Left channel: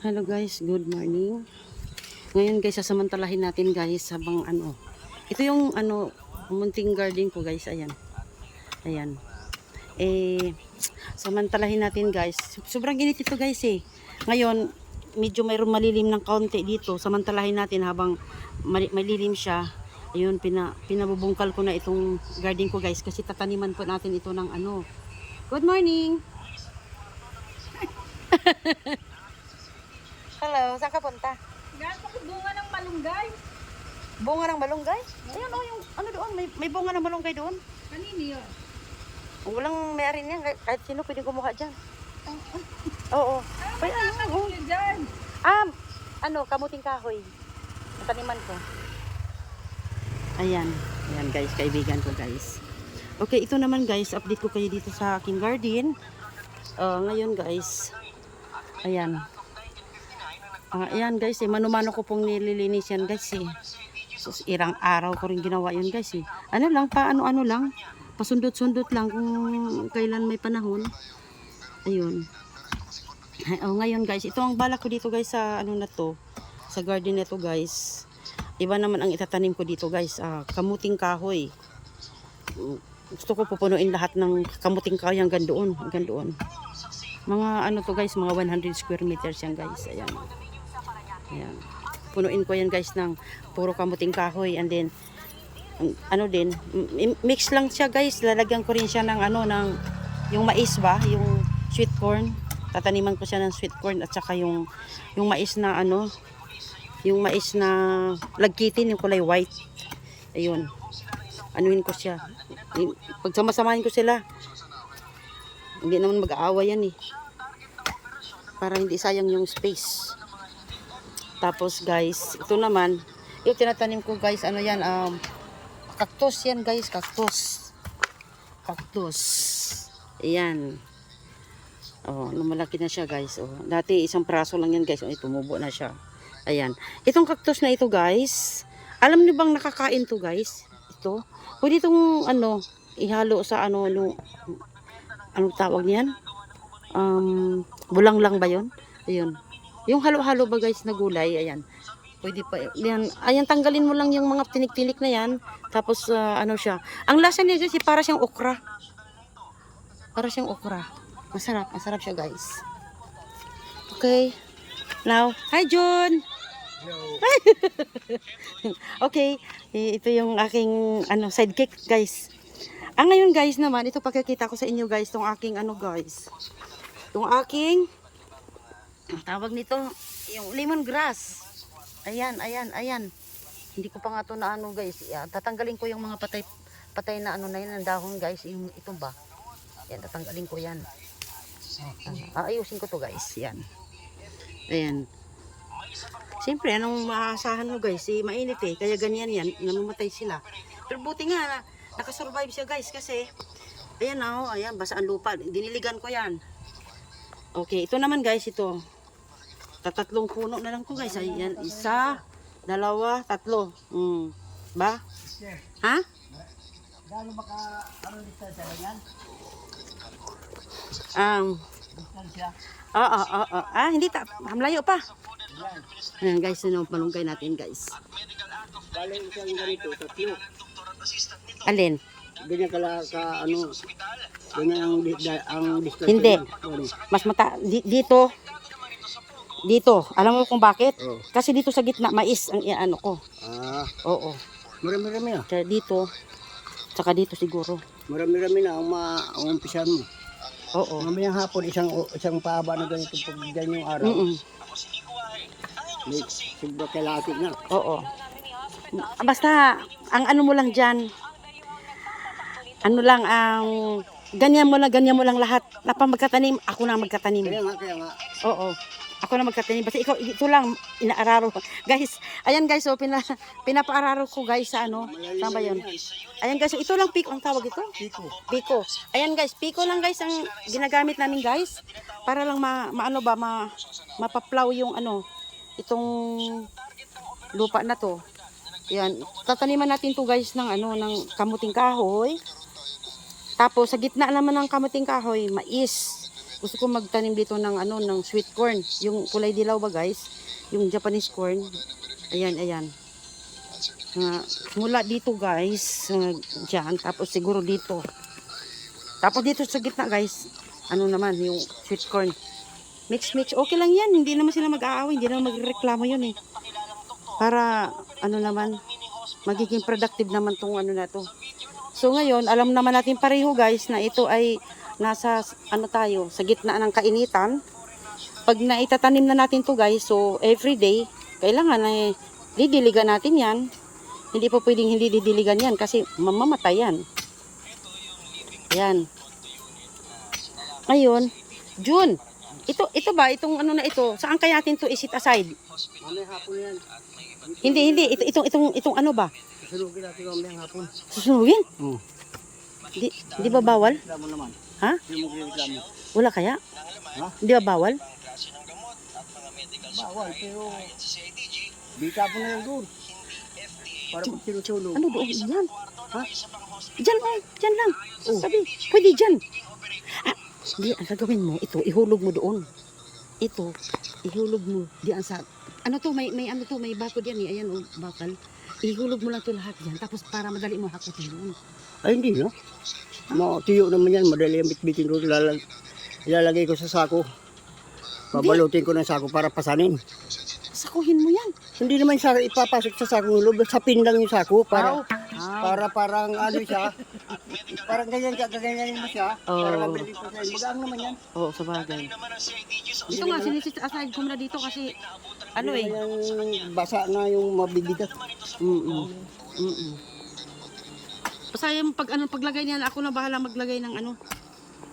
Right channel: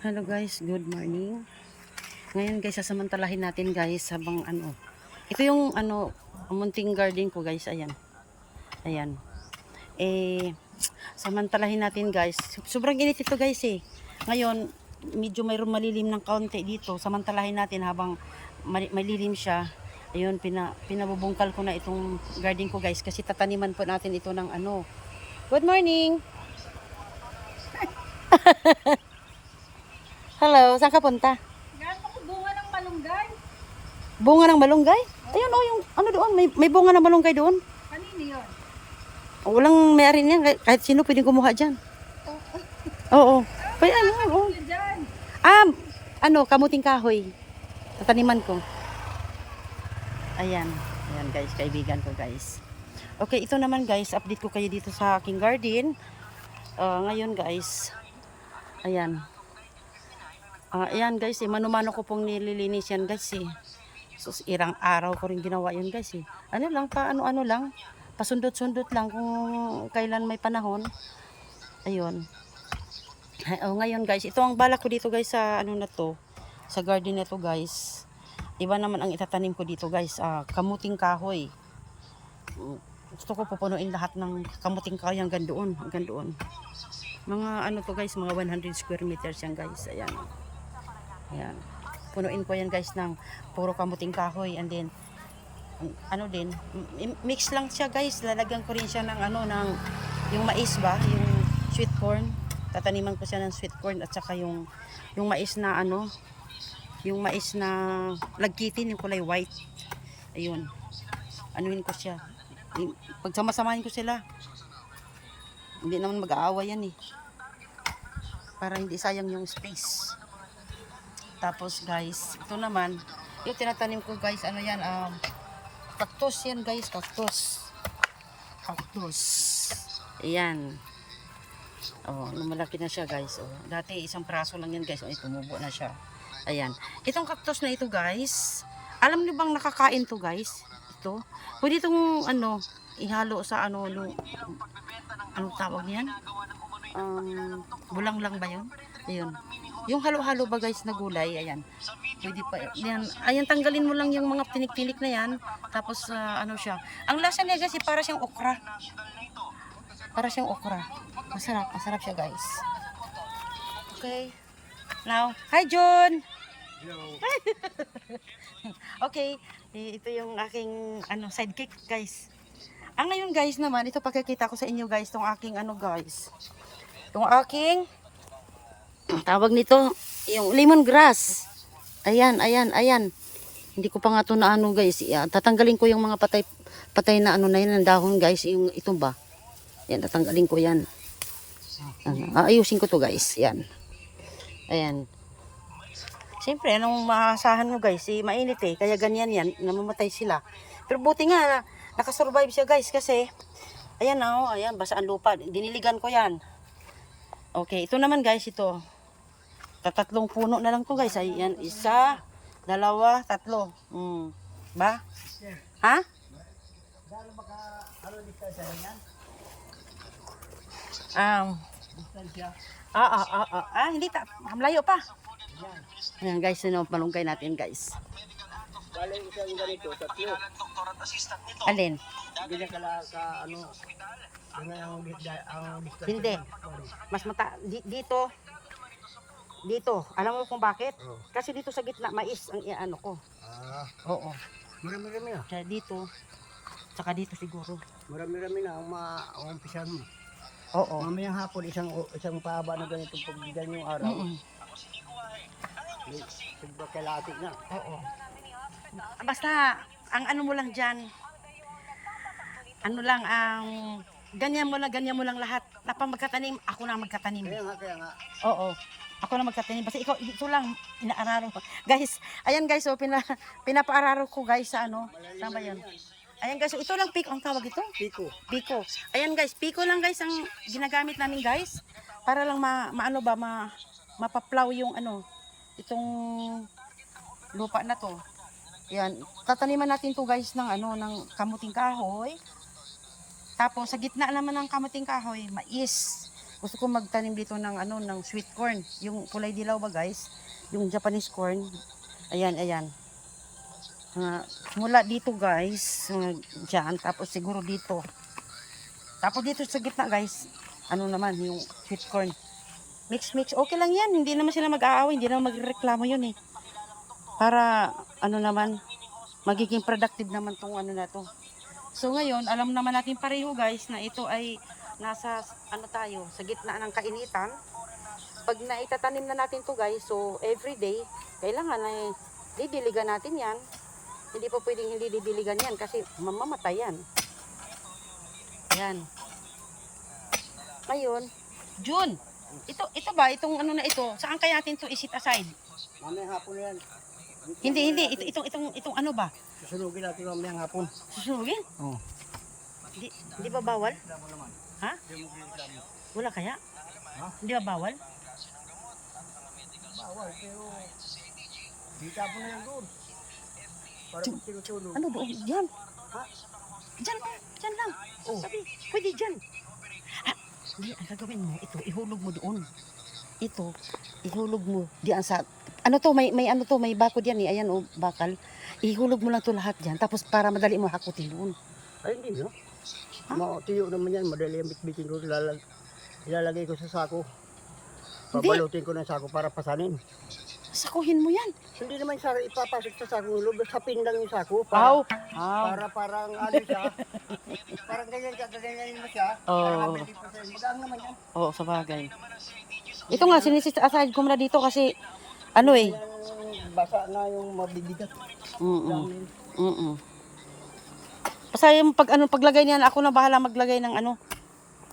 Hello guys, good morning. Ngayon guys, sasamantalahin natin guys habang ito yung munting garden ko guys, ayan. Ayan. Samantalahin natin guys. Sobrang init ito guys eh. Ngayon, medyo mayroong malilim ng kaunti dito. Samantalahin natin habang malilim siya. Ayun, pinabubungkal ko na itong garden ko guys kasi tataniman po natin ito ng Good morning. Hello, saan ka punta? Gaano ko bunga ng malunggay? Bunga ng malunggay? Ayan yung doon, may bunga ng malunggay doon. Kanino yun? Walang may-ari niyan, kahit sino pwedeng kumuha diyan. Oo. Pwede Kanino dyan? Kamuting kahoy. Taniman ko. Ayan. Ayan guys, kaibigan ko guys. Okay, ito naman guys, update ko kayo dito sa aking garden. Ngayon guys, ayan. Ayan guys, mano-mano ko pong nililinis yan guys eh. So, irang araw ko rin ginawa yun guys eh. Ano lang, pasundot-sundot lang kung kailan may panahon. Ayun. Ngayon guys, ito ang balak ko dito guys sa sa garden na to guys. Iba naman ang itatanim ko dito guys, kamuting kahoy. Gusto ko pupunuin lahat ng kamuting kahoy hanggang doon. Mga to guys, mga 100 square meters yan guys. Ayan. Ayan. Punuin ko yan guys ng puro kamuting kahoy, and then mix lang siya guys. Lalagyan ko rin siya ng yung mais ba, yung sweet corn. Tataniman ko siya ng sweet corn at saka yung mais na yung mais na lagkitin, yung kulay white. Ayun. Anuhin ko siya. Pagsama-samahin ko sila. Hindi naman mag-aawa yan eh. Para hindi sayang yung space. Tapos guys, ito naman, yung tinatanim ko guys, cactus yan guys, cactus. Ayan. Lumalaki na siya guys. Dati isang praso lang yan guys. Tumubo na siya. Ayan. Itong cactus na ito guys, alam niyo bang nakakain to guys? Ito. Pwede itong ihalo sa anong tawag niyan? Bulang lang ba yun? Ayun. Yung halo-halo ba guys na gulay, ayan. Pwede pa yan. Ayan, tanggalin mo lang yung mga tinik-tinik na yan. Tapos siya. Ang lasa niya guys, para siyang okra. Masarap siya guys. Okay. Now, hi John. Hello. Okay, ito yung aking sidekick guys. Ngayon guys naman, ito pagkakita ko sa inyo guys, tong aking guys. Tong aking tawag nito, yung lemongrass. Ayan. Hindi ko pa nga ito na guys. Tatanggalin ko yung mga patay na na yan, ng dahon guys. Yung ito ba? Yan, tatanggalin ko yan. Ayusin ko to guys. Yan. Ayan. Siyempre, anong maasahan mo guys? Mainit eh. Kaya ganyan yan. Namamatay sila. Pero buti nga, nakasurvive siya guys. Kasi, ayan ayan, basa ang lupa. Diniligan ko yan. Okay, ito naman guys, ito. Tatlong puno na lang to guys. Ayan, 1, 2, 3. Ba? Ha? Gaano baka distansya ba yan? Distansya? Hindi malayo pa. Ayan guys, malunggay natin guys. Galing siyang ganito, tatlo. Alin? Ganyan ganyan ang distansya. Hindi. Yan. Mas dito. Alam mo kung bakit? Oh. Kasi dito sa gitna, mais ang ko. Oo. Marami-rami na. Kaya dito, saka dito siguro. Marami-rami na ang umpisan mo. Oo. Mamayang hapon, isang paaba na ganito pag ganyan yung araw. May sobra kailangan na. Oo. Basta, ang mo lang dyan, ganyan mo lang lahat. Magkatanim, ako na magkatanim. Kaya nga. Oo. Ako na magkatanim. Basta ito lang, inaararo. Guys, ayan guys, pinapaararo ko guys sa saan ba yun? Ayan guys, ito lang piko ang tawag ito? Piko. Ayan guys, piko lang guys ang ginagamit namin guys. Para lang mapaplaw yung itong lupa na to. Ayan, tataniman natin to guys ng ng kamuting kahoy. Tapos sa gitna naman ng kamuting kahoy, mais. Gusto ko magtanim dito ng ano, ng sweet corn. Yung kulay dilaw ba guys? Yung Japanese corn. Ayan, ayan. Mula dito guys, dyan, tapos siguro dito. Tapos dito sa gitna guys, ano naman, yung sweet corn. Mix, okay lang yan. Hindi naman sila mag-aaway, hindi naman magreklamo yun eh. Para, ano naman, magiging productive naman tong ano na to. So ngayon, alam naman natin pareho guys na ito ay nasa, ano tayo, sa gitna ng kainitan. Pag naitatanim na natin to guys, so everyday, kailangan ay didiligan natin yan. Hindi po pwedeng hindi didiligan yan kasi mamamatay yan. Ayan. Ngayon, June. Ito ba, itong ano na ito, saan kaya natin to isit aside? Mamayang hapon yan. Hindi, itong ano ba? Susunugin natin mamayang hapon. Susunugin? Oo. Di ba bawal? Reklamo naman. Ha? Hindi mo reklamo. Wala kaya? Ha? Di ba bawal? Bawal, pero di tapon na yan doon. Para kung sinusunog. Ano doon? Diyan. Ha? Diyan, oh. Diyan lang. Sabi, pwede diyan. Ah, di, ang gagawin mo, ito, ihulog mo doon. Ito, ihulog mo diyan sa, ano to, may ano to, may bakod yan eh. Ayan, oh, bakal. Ihulog mo lang to lahat diyan. Tapos para madali mo hakutin doon. Ay, hindi no? No, tuyo naman yan. Madali ang bitbitin doon. Ilalagay ko sa sako. Hindi. Babalutin ko ng sako para pasanin. Sakuhin mo yan. Hindi naman sa ipapasok sa sako ng loob. Sapin lang yung sako. Para, Wow. para parang ano siya. Parang ganyan siya. Gaganyanin mo siya. Oo. Para mabilis pa sa'yo. Magaang naman yan. Oo, sa bagay. Ito nga, sinisit aside ko muna dito kasi, ano eh. Yung basa na yung mabibigat. Mm. Basta yung paglagay niyan, ako na bahala maglagay ng ano.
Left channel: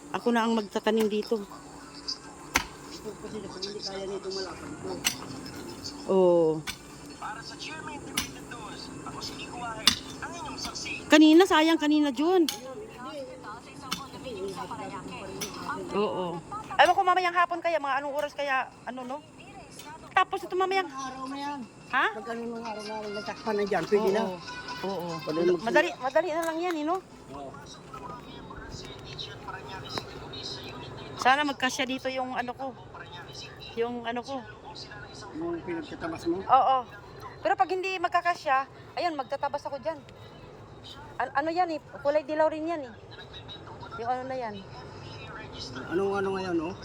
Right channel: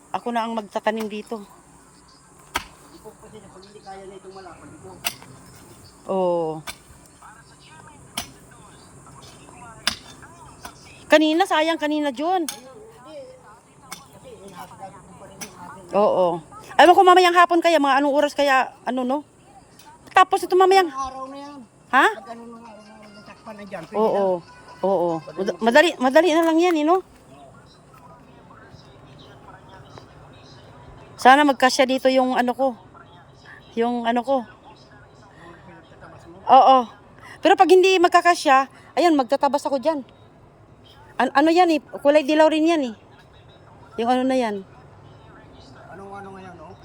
Ako na ang magtatanim dito. Kasi pag hindi kaya nito malaki ito. Oo. Kanina, sayang kanina, John. Oo. Alam ko mamayang hapon kaya, mga anong oras kaya, ano no? Tapos ito mamayang, Araw na yan. ha? Pag ano nung araw na natakpan na dyan. Pwede na. Oo. Oo. Madali na lang yan, you know? Sana magkasya dito yung ano ko. Yung ano ko. Yung pinagtatabas mo. Oo. Pero pag hindi magkakasya, ayun, magtatabas ako dyan. Ano yan eh, kulay dilaw rin yan eh. Yung ano na yan. Anong ano ngayon, oh?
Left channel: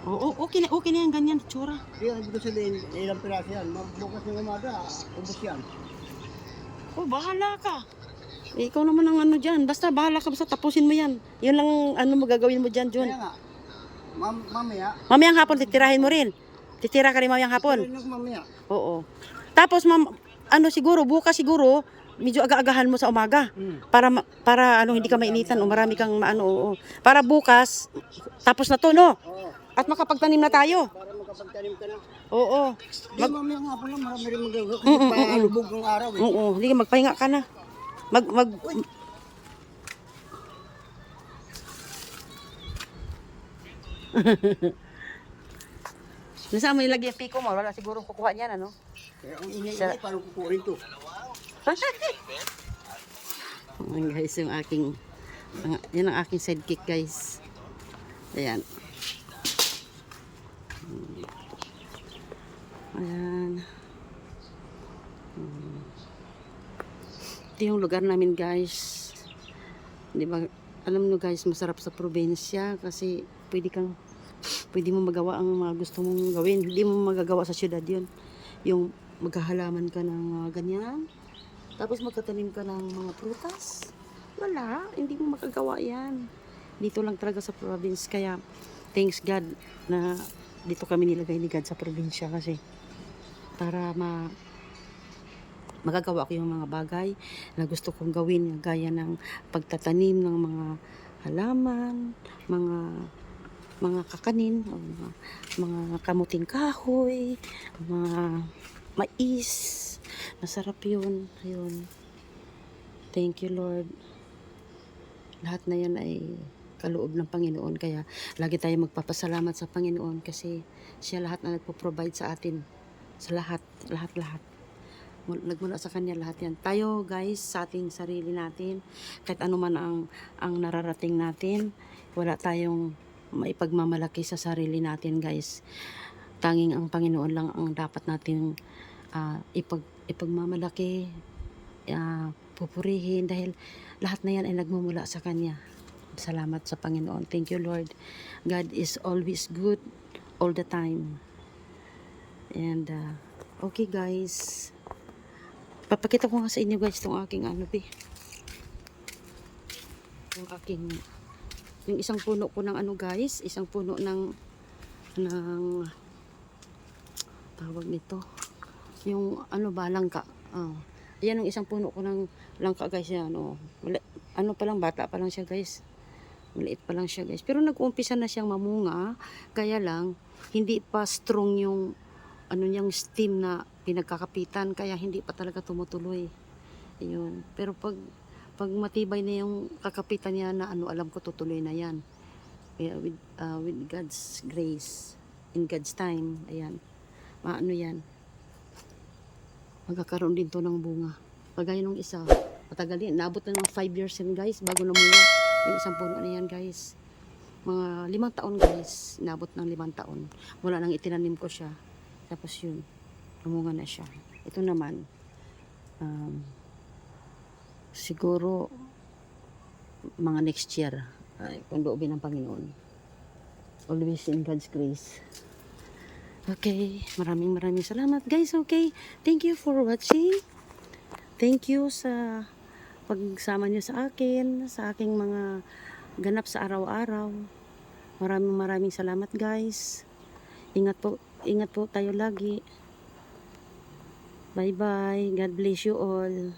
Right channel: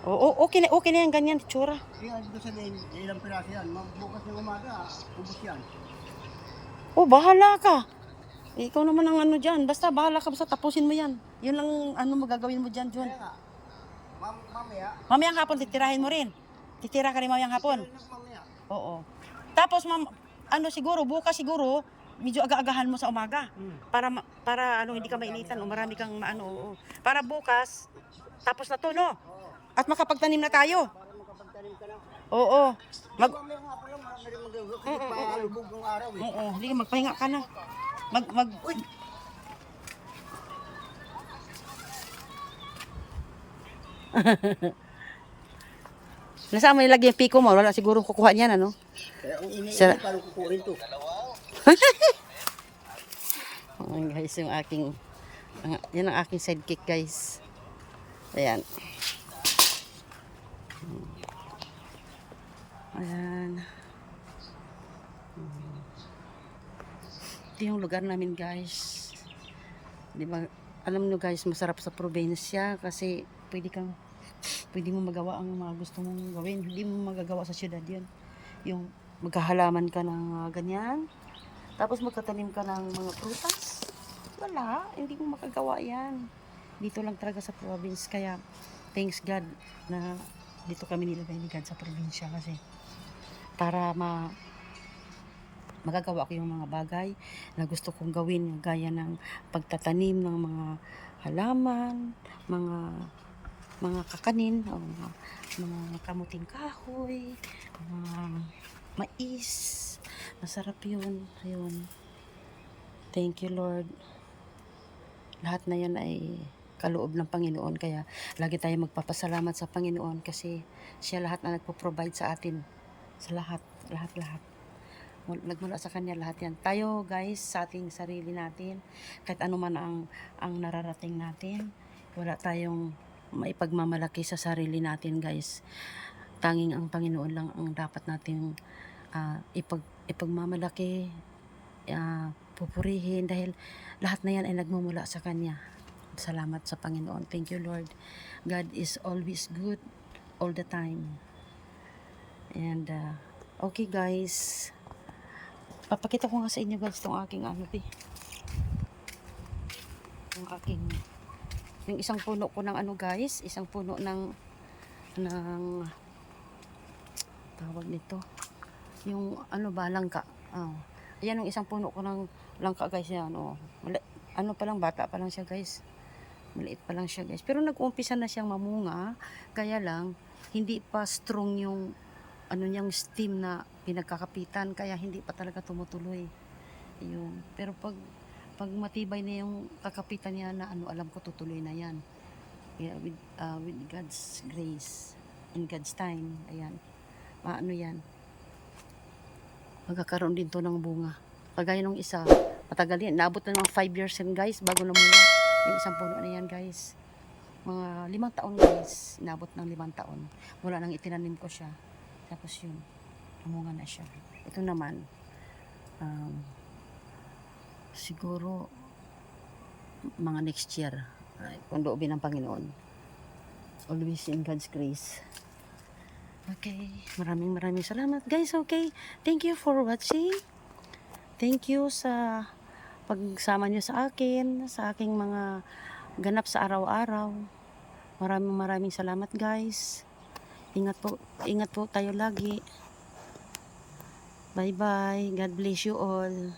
Oo, okay na yan, ganyan, tsura. Kaya hindi ko sabihin, ilang piraso yan. Bukas ng umaga, ubos yan. Oh, bahala ka. Ikaw naman ang ano dyan. Basta bahala ka, basta tapusin mo yan. Yun lang ano mo gagawin mo dyan, John. Kaya nga, mamaya. Mamayang hapon, titirahin mo rin. Titira ka rin mamayang hapon. Pero mamaya. Oo. Tapos, ano siguro, bukas siguro, medyo aga-agahan mo sa umaga. Para ano, hindi ka mainitan o marami kang maano, oo. Para bukas, tapos na to, no? Oo. At makapagtanim na tayo. Para makapagtanim ka na. Oo. Di mamaya nga po lang, marami rin magagawa. Kasi palubog ng araw eh. Oo, hindi ka magpahinga ka na. Nasaan mo ilagay yung piko mo? Wala siguro kukuha niyan, ano? Kaya ang Sir- ini-ini, parang kukuhin to. Ayan guys, yung aking, yan ang aking sidekick guys. Ayan. Ayan. Ito yung lugar namin guys. Di ba, alam nyo guys, masarap sa probinsya kasi pwede mo magawa ang mga gusto mong gawin. Hindi mo magagawa sa syudad yun. Yung maghahalaman ka ng ganyan. Tapos magtatanim ka ng mga prutas. Wala, hindi mo makagawa yan. Dito lang talaga sa province. Kaya, thanks God na dito kami nilagay ni God sa probinsya kasi para magagawa ko yung mga bagay na gusto kong gawin gaya ng pagtatanim ng mga halaman, mga kakanin, o mga kamuting kahoy, mga mais. Masarap yun. Ayun. Thank you, Lord. Lahat na yan ay kaloob ng Panginoon. Kaya lagi tayo magpapasalamat sa Panginoon kasi siya lahat na nagpo-provide sa atin. Sa lahat. Nagmula sa Kanya lahat yan. Tayo guys, sa ating sarili natin, kahit ano man ang nararating natin, wala tayong maipagmamalaki sa sarili natin guys. Tanging ang Panginoon lang ang dapat natin ipagmamalaki, pupurihin, dahil lahat na yan ay nagmumula sa Kanya. Salamat sa Panginoon. Thank you, Lord. God is always good all the time. And okay guys, papakita ko nga sa inyo guys itong aking yung isang puno ko ng guys, isang puno ng tawag nito, yung langka. Ayan yung isang puno ko ng langka guys, yan pa lang, bata pa lang siya guys, maliit pa lang siya guys, pero nag-uumpisa na siyang mamunga, kaya lang hindi pa strong yung niyang stem na pinagkakapitan, kaya hindi pa talaga tumutuloy. Ayun, pero pag matibay na yung kakapitan niya na alam ko tutuloy na yan. Yeah, with God's grace, in God's time, ayan, yan, magkakaroon din to ng bunga. Kagaya nung isa, matagal yan, naabot na ng 5 years yan guys, bago namunga yung isang puno na yan guys. Mga 5 taon guys, naabot ng 5 taon mula nang itinanim ko siya. Tapos yun, namunga na siya. Ito naman, siguro mga next year, kung loobin ng Panginoon. Always in God's grace. Okay, maraming salamat guys. Okay, thank you for watching. Thank you sa pagsama nyo sa akin, sa aking mga ganap sa araw-araw. Maraming salamat guys. Ingat po tayo lagi. Bye bye. God bless you all.